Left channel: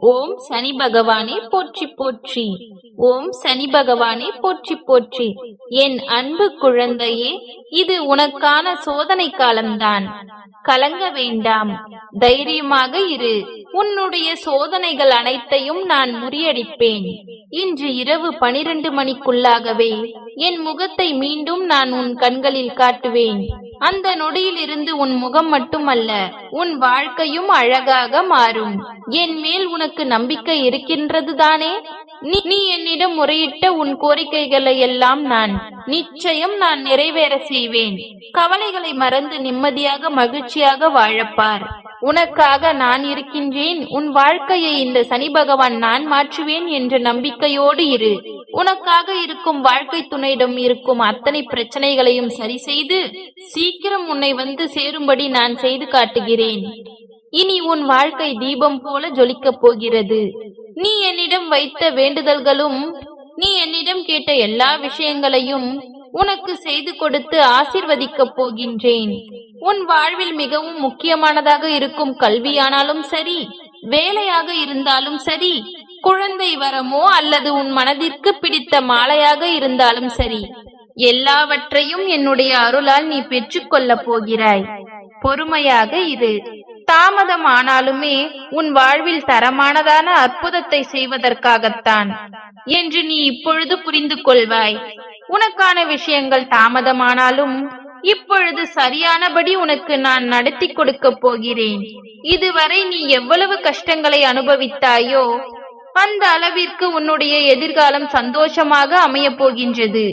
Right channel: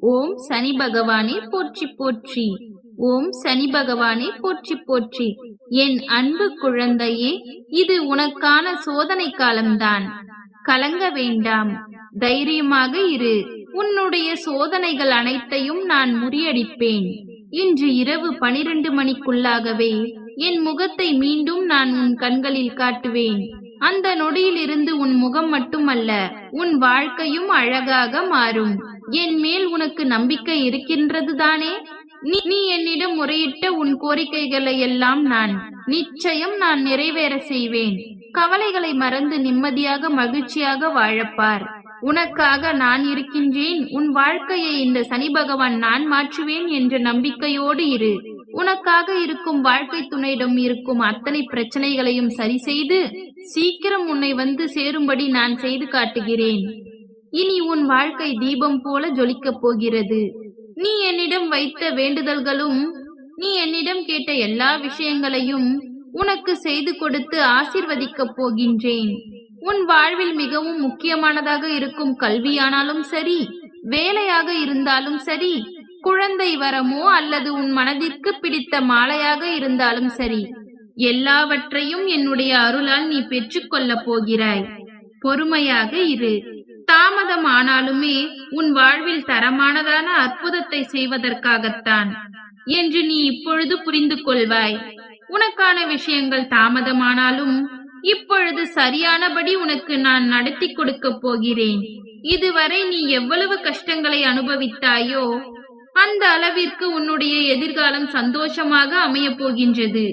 ஓம் சனி பகவானே போற்றி போற்றி. ஓம் சனி பகவானே போற்றி போற்றி. என் அன்பு குழந்தையே இது உனக்கான சோதனை காலம்தான். கலங்க வேண்டாம். தைரியமாக இரு. உன்னுடைய சோதனைகள் அனைத்தையும் நான் முறியடிப்பேன். இன்று இரவு பனிரெண்டு மணிக்குள்ளாகவே என் முகத்தை மீண்டும் நான் உன் கண்களில் காட்டுவேன். அந்த நொடியிலிருந்து உன் முகம் மட்டுமல்ல உன் வாழ்க்கையும் அழகாக மாறும். என் மேல் உனக்கு நம்பிக்கை இருக்கின்றது தானே நீ நீ என்னிடம் முறையிட்ட உன் கோரிக்கைகளை எல்லாம் நான் நிச்சயம் நான் நிறைவேற செய்வேன். கவலைகளை மறந்து நிம்மதியாக மகிழ்ச்சியாக வாழப்பார். உனக்காக நான் இருக்கின்றேன். உன் வாழ்க்கையை இந்த சனி பகவான் நான் மாற்றுவேன் என்ற நம்பிக்கையோடு இரு. உனக்காக இருக்கும் வாழ்க்கை துணையிடம் இருக்கும் அத்தனை பிரச்சனைகளையும் சரி செய்து சீக்கிரம் உன்னை வந்து சேரும்படி நான் செய்து காட்டுகிறேன். இனி உன் வாழ்க்கை தீபம் போல ஜொலிக்கப் போகிறது. நீ என்னிடம் வைத்த வேண்டுதல்களும் நீ என்னிடம் கேட்ட எல்லா விஷயங்களையும் உனக்கு செய்து கொடுத்து ஆசிர்வதிக்கப் போகின்றேன். உன் வாழ்வில் மிகவும் முக்கியமானதாக இருக்கும் கல்வியானாலும் சரி வேலையாக இருந்தாலும் சரி குழந்தை வரமோ அல்லது உன் மனதிற்கு பிடித்த மாலையாக இருந்தாலும் சரி எல்லாவற்றையும் என்னுடைய அருளால் நீ பெற்றுக்கொள்ளப் போகிறாய். பொறுமையாக இரு. தாமதமானாலுமே உன் வாழ்வில் தரமானதான அற்புதத்தை செய்வதற்காகத்தான் என்று நீ இப்பொழுது புரிந்து கொள்வாய். உனக்கான விஷயங்கள் தாமதமானாலும் இப்பொழுது சரியானபடி உனக்கு நான் நடத்தி கொடுக்க போகிறேன். இதுவரை நீ எவ்வளவு கஷ்டங்களை அனுபவித்தாயோ அந்த அளவிற்கு உன்னுடைய எதிர்காலம் சந்தோஷமாக அமைய போகின்றது.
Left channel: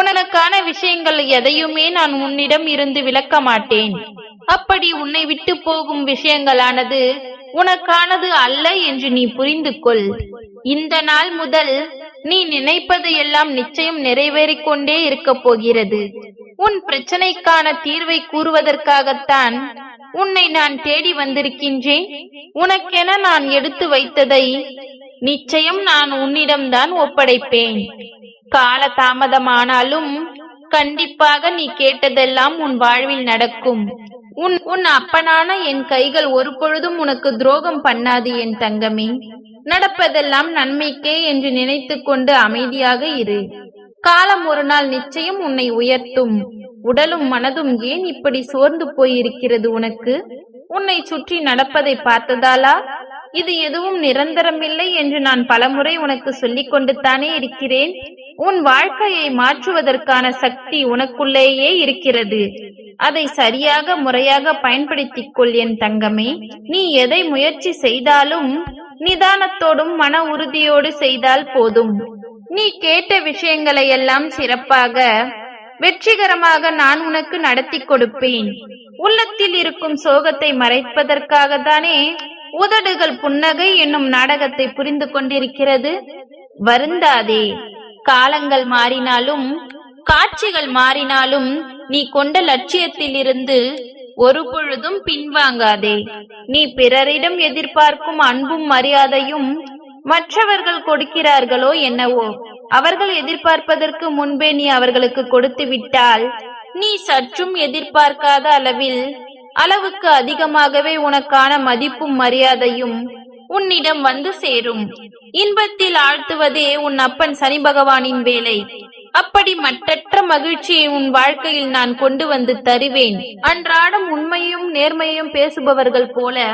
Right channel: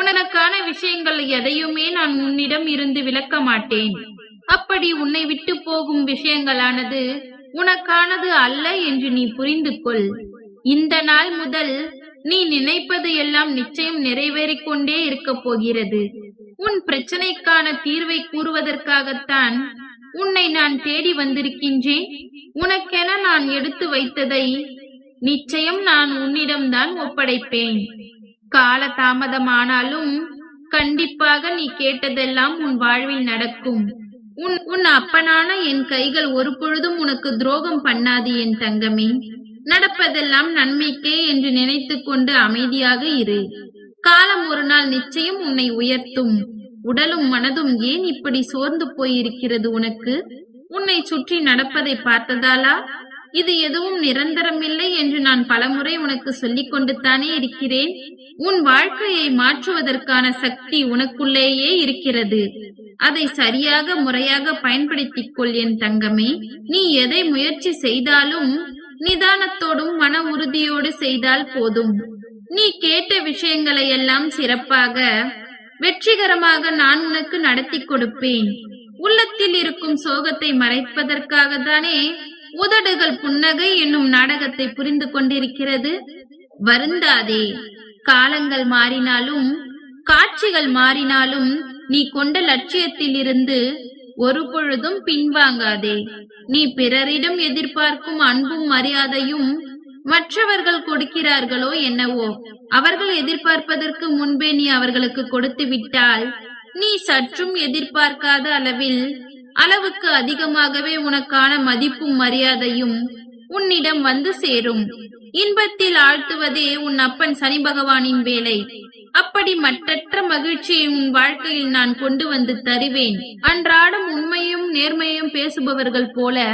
உனக்கான விஷயங்கள் எதையுமே நான் உன்னிடம் இருந்து விளக்க மாட்டேன் அப்படி உன்னை விட்டு போகும் விஷயங்களானது உனக்கானது அல்ல என்று நீ புரிந்து கொள் இந்த நாள் முதல் நீ நினைப்பது எல்லாம் நிச்சயம் நிறைவேறிக் கொண்டே இருக்கப் போகிறது. உன் பிரச்சனைக்கான தீர்வை கூறுவதற்காகத்தான் உன்னை நான் தேடி வந்திருக்கின்றேன். உனக்கென நான் எடுத்து வைத்ததை நிச்சயம் நான் உன்னிடம்தான் ஒப்படைப்பேன். கால தாமதமானாலும் கண்டிப்பாக நீ கேட்டதெல்லாம் உன் வாழ்வில் நடக்கும். உன் உன் அப்பனான என் கைகள் ஒரு பொழுதும் உனக்கு துரோகம் பண்ணாது என் தங்கமே. நடப்பதெல்லாம் நன்மைக்கே என்று நினைத்து கொண்டு அமைதியாக இரு. காலம் ஒரு நாள் நிச்சயம் உன்னை உயர்த்தும். உடலும் மனதும் ஏன் இப்படி சோர்ந்து போயிருக்கிறது உனக்கு? உன்னை சுற்றி நடப்பதை பார்த்ததாலா? இது எதுவும் நிரந்தரமில்லை என்று நான் பலமுறை உனக்கு சொல்லிக் கொண்டு தானே இருக்கிறேன். உன் வாழ்க்கையை மாற்றுவதற்கான சக்தி உனக்குள்ளேயே இருக்கிறது. அதை சரியாக முறையாக பயன்படுத்திக் கொள் என் தங்கமே. நீ எதை முயற்சி செய்தாலும் நிதானத்தோடும் மன உறுதியோடு செய்தால் போதும். நீ கேட்ட விஷயங்களை எல்லாம் சிறப்பாக வெற்றிகரமாக நான் உனக்கு நடத்தி கொடுப்பேன். உள்ளத்தில் இருக்கும் சோகத்தை மறைப்பதற்காக தானே உதடுகள் புன்னகை என்னும் நாடகத்தை புரிந்து கொண்டிருக்கிறது. வருந்தாதே. காலங்கள் மாறினாலும் காட்சிகள் மாறினாலும் நீ கொண்ட லட்சியத்தில் இருந்து ஒரு பொழுதும் பின்வாங்காதே. நீ பிறரிடம் எதிர்பார்க்கும் அன்பும் மரியாதையும் மற்றவர்கள் கொடுக்கிறார்களோ என்னவோ அவர்கள் எதிர்பார்ப்பதற்கு முன்பே நீ அவர்களுக்கு கொடுத்து விட்டால் நீ சற்றும் எதிர்பார்க்காத அளவில் அளவுக்கு அதிகமாகவே உனக்கான மதிப்பும் மரியாதையும் உன்னிடம் வந்து சேரும். இன்பத்தில் ஆழ்த்துவதே உன் அப்பன் சனி பகவானின் வேலை. அப்படி மற்றற்ற மகிழ்ச்சியை உன் வாழ்க்கையில் நான் கொண்டு வந்து தருவேன். அன்றாடம் உண்மையும் நேர்மையும் பேசுபவர்கள் போல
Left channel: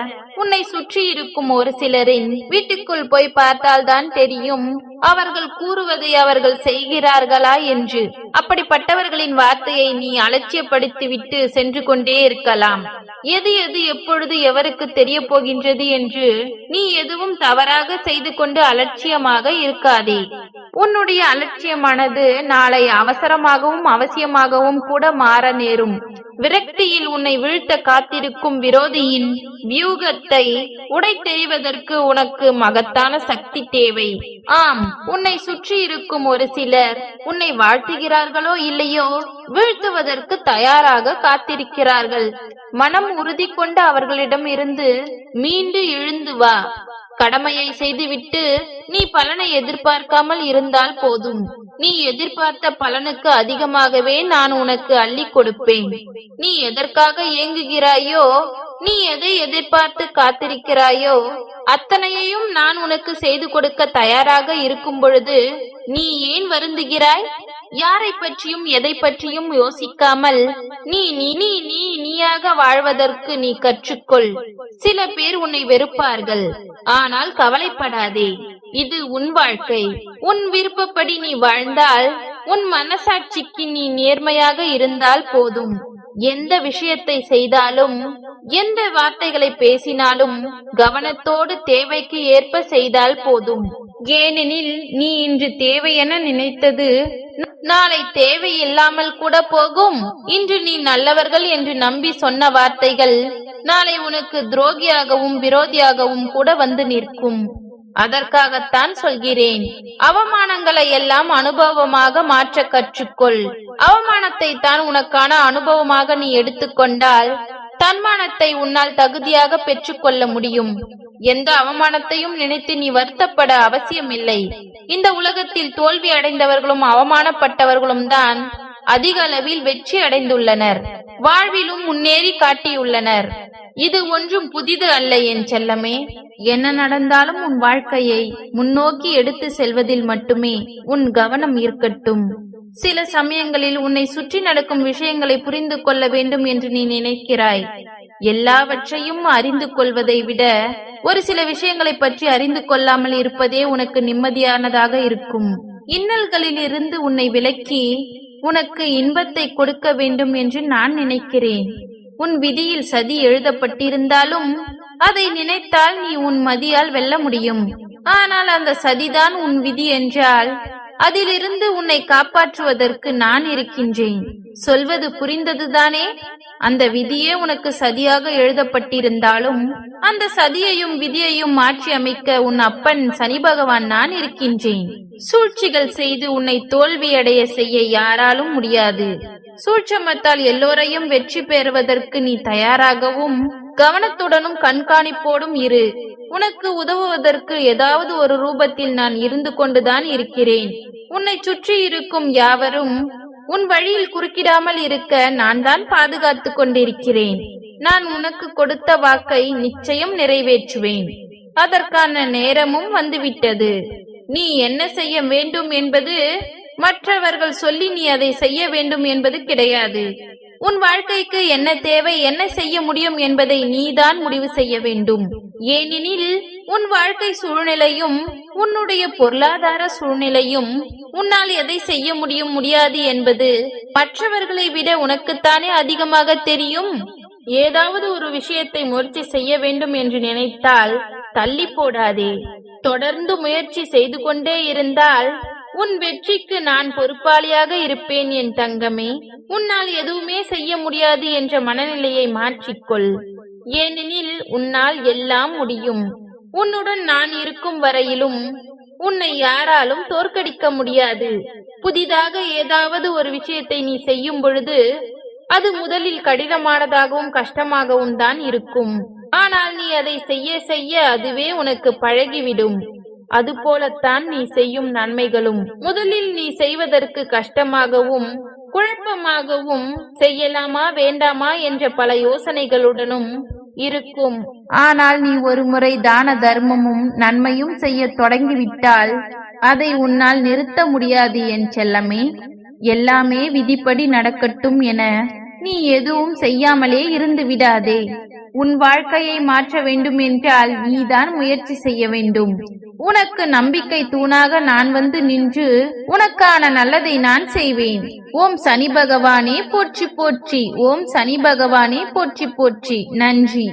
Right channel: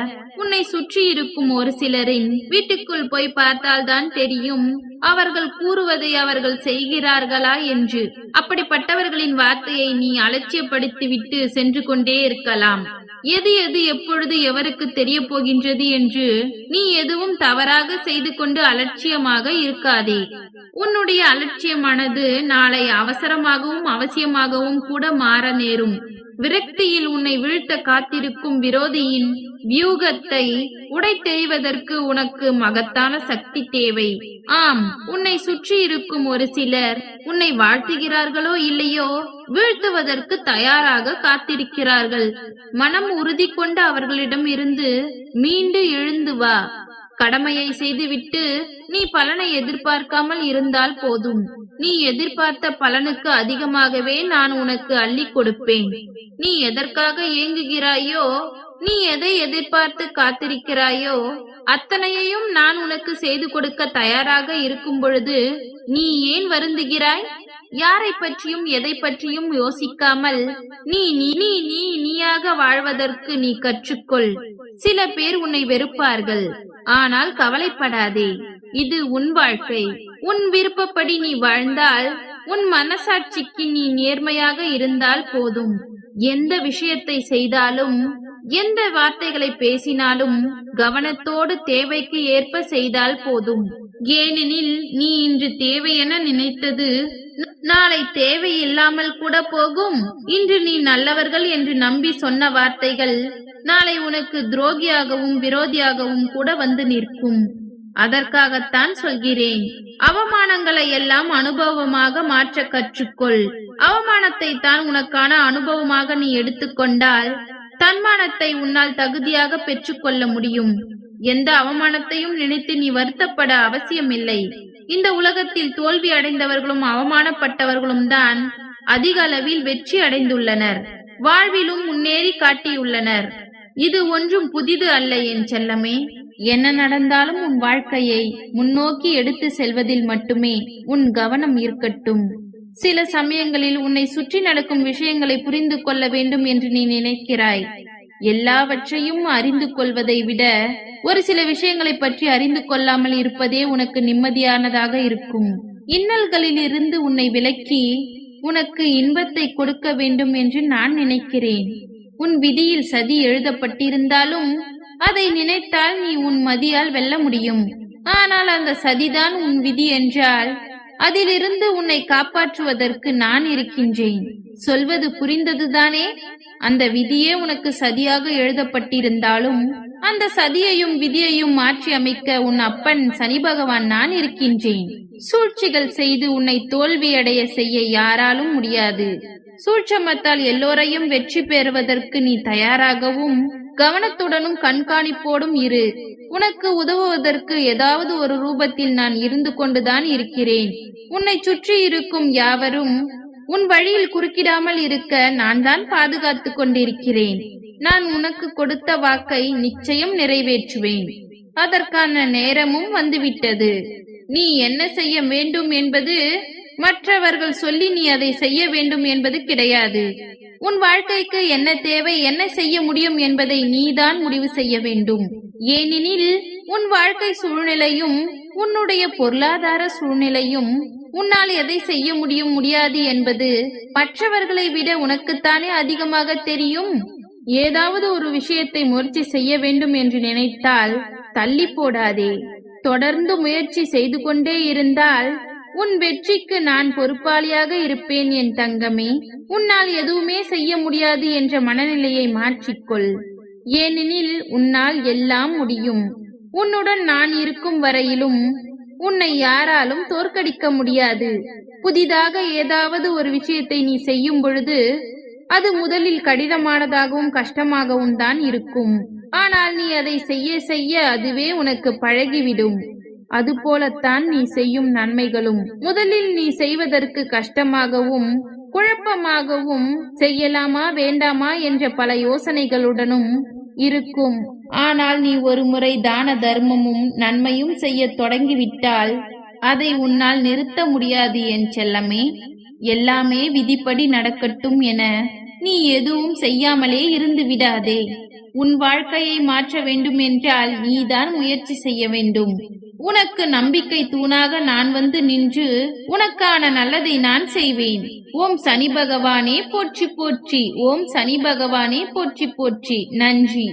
உன்னை சுற்றி இருக்கும் ஒரு சிலரின் வீட்டுக்குள் போய் பார்த்தால்தான் தெரியும் அவர்கள் கூறுவதை அவர்கள் செய்கிறார்களா என்று. அப்படிப்பட்டவர்களின் வார்த்தையை நீ அலட்சியப்படுத்திவிட்டு சென்று கொண்டே இருக்கலாம். எது எது எப்பொழுது எவருக்கு தெரிய போகின்றது என்று நீ எதுவும் தவறாக செய்து கொண்டு அலட்சியமாக இருக்காதே. உன்னுடைய அலட்சியமானது நாளை அவசரமாகவும் அவசியமாகவும் கூட மாற நேரும். விரக்தியில் உன்னை வீழ்த்த காத்திருக்கும் விரோதியின் வியூகத்தை உடைத்தெறிவதற்கு உனக்கு மகத்தான சக்தி தேவை. ஆம் உன்னை சுற்றி இருக்கும் ஒரு சிலர் உன்னை வாழ்த்துகிறார்களோ இல்லையோ வீழ்த்துவதற்கு தயாராக காத்திருக்கிறார்கள். மனம் உறுதி கொண்டு அவர்களிடம் இருந்து மீண்டு எழுந்து வா. கடமையை செய்துவிட்டு நீ பலனை எதிர்பார்க்காமல் இருந்தால் போதும். நீ எதிர்பார்த்த பலனுக்கு அதிகமாகவே நான் உனக்கு அள்ளி கொடுப்பேன். நீ எதற்காக ஏங்குகிறாயோ நீ எதை எதிர்பார்த்து காத்திருக்கிறாயோ அத்தனையையும் நான் உனக்கு செய்து கொடுக்க தயாராக இருக்கும் பொழுது நீ ஏன் வருந்துகிறாய்? யாரை பற்றியும் எதை பற்றியும் யோசிக்காமல் நீ நீ நீ நீ நீயாக வாழ்வதற்கு நீ கற்றுக்கொள். சில பேர் உன்னை வெறுப்பார்கள். ஆனால் கவலைப்படாதே இது உன் வாழ்க்கை. உன் விருப்பப்படி நீ வாழ்ந்தால் உன் மனசாட்சிக்கு நீ நேர்மையாக இருந்தால் போதும். எந்த விஷயத்தை செய்தாலும் எந்த வார்த்தைகளை பேசினாலும் கவனத்தோடு தேவைக்கு ஏற்ப செய்தால் போதும். ஏனெனில் நீ இன்று தேவையென நினைத்தது நாளை தேவையில்லாமல் கூட போகும். இன்று நீ நல்லவர்கள் என்று நம்பி சொன்ன வார்த்தைகள் நாளை உனக்கு துரோகியாகவும் விரோதியாகவும் கூட வந்து நிற்கும். அதற்காகத்தான் சொல்கிறேன். அவமானங்களை எல்லாம் அனுபவமாக மாற்ற கற்றுக்கொள். அவமானத்தை தான் உனக்கான அனுபவமாக நீ எடுத்துக்கொண்டால் தன்மானத்தை உன்னால் தகுதியாக பெற்றுக்கொள்ள முடியும். எந்த அவமானத்தையும் நினைத்து நீ வருத்தப்பட அவசியமில்லை. இந்த உலகத்தில் தோல்வி அடைந்தவர்களும் அவமானப்பட்டவர்களும் தான் அதிக அளவில் வெற்றி அடைந்துள்ளனர். வாழ்விலும் முன்னேறி காட்டியுள்ளனர். இது ஒன்றும் புதிது அல்ல என் செல்லமே. என்ன நடந்தாலும் உன் வாழ்க்கையை முன்னோக்கி எடுத்து செல்வதில் மட்டுமே உன் கவனம் இருக்கட்டும். சில சமயங்களில் உன்னை சுற்றி நடக்கும் விஷயங்களை புரிந்து கொள்ள வேண்டும் என்று நீ நினைக்கிறாய். எல்லாவற்றையும் அறிந்து கொள்வதை விட ஒரு சில விஷயங்களை பற்றி அறிந்து கொள்ளாமல் இருப்பதே உனக்கு நிம்மதியானதாக இருக்கும். இன்னல்களில் இருந்து உன்னை விலக்கி உனக்கு இன்பத்தை கொடுக்க வேண்டும் என்று நான் நினைக்கிறேன். உன் விதியில் சதி எழுதப்பட்டிருந்தாலும் அதை நினைத்தால் நீ உன் மதியால் வெல்ல முடியும். ஆனால் அந்த சதிதான் உன் விதி என்றால் அதிலிருந்து உன்னை காப்பாற்றுவதற்கு நான் இருக்கின்றேன். சொல்வது புரிந்ததுதானே? அந்த விதியே உனக்கு சதியாக எழுதப்பட்டிருந்தாலும் அந்த சதியையும் விதியையும் மாற்றி அமைக்க உன் அப்பன் சனி பகவான் நான் இருக்கின்றேன். சூழ்ச்சிகள் செய்து உன்னை தோல்வியடைய செய்ய யாராலும் முடியாது. சூட்சமத்தால் எல்லோரையும் வெற்றி பெறுவதற்கு நீ தயாராகவும் கவனத்துடனும் கண்காணிப்போடும் இரு. உனக்கு உதவுவதற்கு ஏதாவது ஒரு ரூபத்தில் நான் இருந்து கொண்டுதான் இருக்கிறேன். உன்னை சுற்றி இருக்கும் யாவரும் உன் வழியில் குறுக்கிடாமல் இருக்க நான் தான் பாதுகாத்துக் கொண்டிருக்கிறேன். நான் உனக்கு கொடுத்த வாக்கை நிச்சயம் நிறைவேற்றுவேன். அதற்கான நேரமும் வந்துவிட்டது. நீ என்ன செய்ய வேண்டும் என்பது மற்றவர்கள் சொல்லி நீ அதை செய்ய வேண்டும் என்பது கிடையாது. உன் வாழ்க்கைக்கு என்ன தேவை என்ன செய்ய முடியும் என்பதை நீதான் முடிவு செய்ய வேண்டும். ஏனெனில் உன் வாழ்க்கை சூழ்நிலையும் உன்னுடைய பொருளாதார சூழ்நிலையும் உன்னால் எதை செய்ய முடியும் முடியாது என்பது மற்றவர்களை விட உனக்குத்தானே அதிகமாக தெரியும். ஏதாவது ஒரு விஷயத்தை முயற்சி செய்ய வேண்டும் என்று நினைத்தால் தள்ளி போடாதே. தொடர்ந்து முயற்சி செய்து கொண்டே இருந்தால் உன் வெற்றிக்கு நான் பொறுப்பாளியாக இருப்பேன் என் தங்கமே உன்னால் எதுவுமே செய்ய முடியாது என்ற மனநிலையை மாற்றிக்கொள். ஏனெனில் உன்னால் எல்லாம் முடியும். உன்னுடன் நான் இருக்கும் வரையிலும் உன்னை யாராலும் தோற்கடிக்க முடியாது. புதிதாக ஏதாவது ஒரு விஷயத்தை நீ செய்யும் பொழுது அது முதலில் கடினமானதாகவும் கஷ்டமாகவும் தான் இருக்கும். ஆனால் நீ அதை செய்ய செய்ய அதுவே உனக்கு பழகிவிடும். அதுபோலத்தான் நீ செய்யும் நன்மைகளும். முதலில் நீ செய்வதற்கு கஷ்டமாகவும் குழப்பமாகவும் செய்யலாமா வேண்டாமா என்ற பல யோசனைகளுடனும் இருக்கும். ஆனால் நீ ஒருமுறை தான தர்மமும் நன்மையும் செய்ய தொடங்கிவிட்டால் அதை உன்னால் நிறுத்த முடியாது என் செல்லமே. எல்லாமே விதிப்படி நடக்கட்டும் என நீ எதுவும் செய்யாமலே இருந்து விடாதே. உன் வாழ்க்கையை மாற்ற வேண்டும் என்றால் நீதான் முயற்சி செய்ய வேண்டும். உனக்கு நம்பிக்கை தூணாக நான் வந்து நின்று உனக்கான நல்லதை நான் செய்வேன். ஓம் சனி பகவானே போற்றி போற்றி. ஓம் சனி பகவானே போற்றி போற்றி. நன்றி.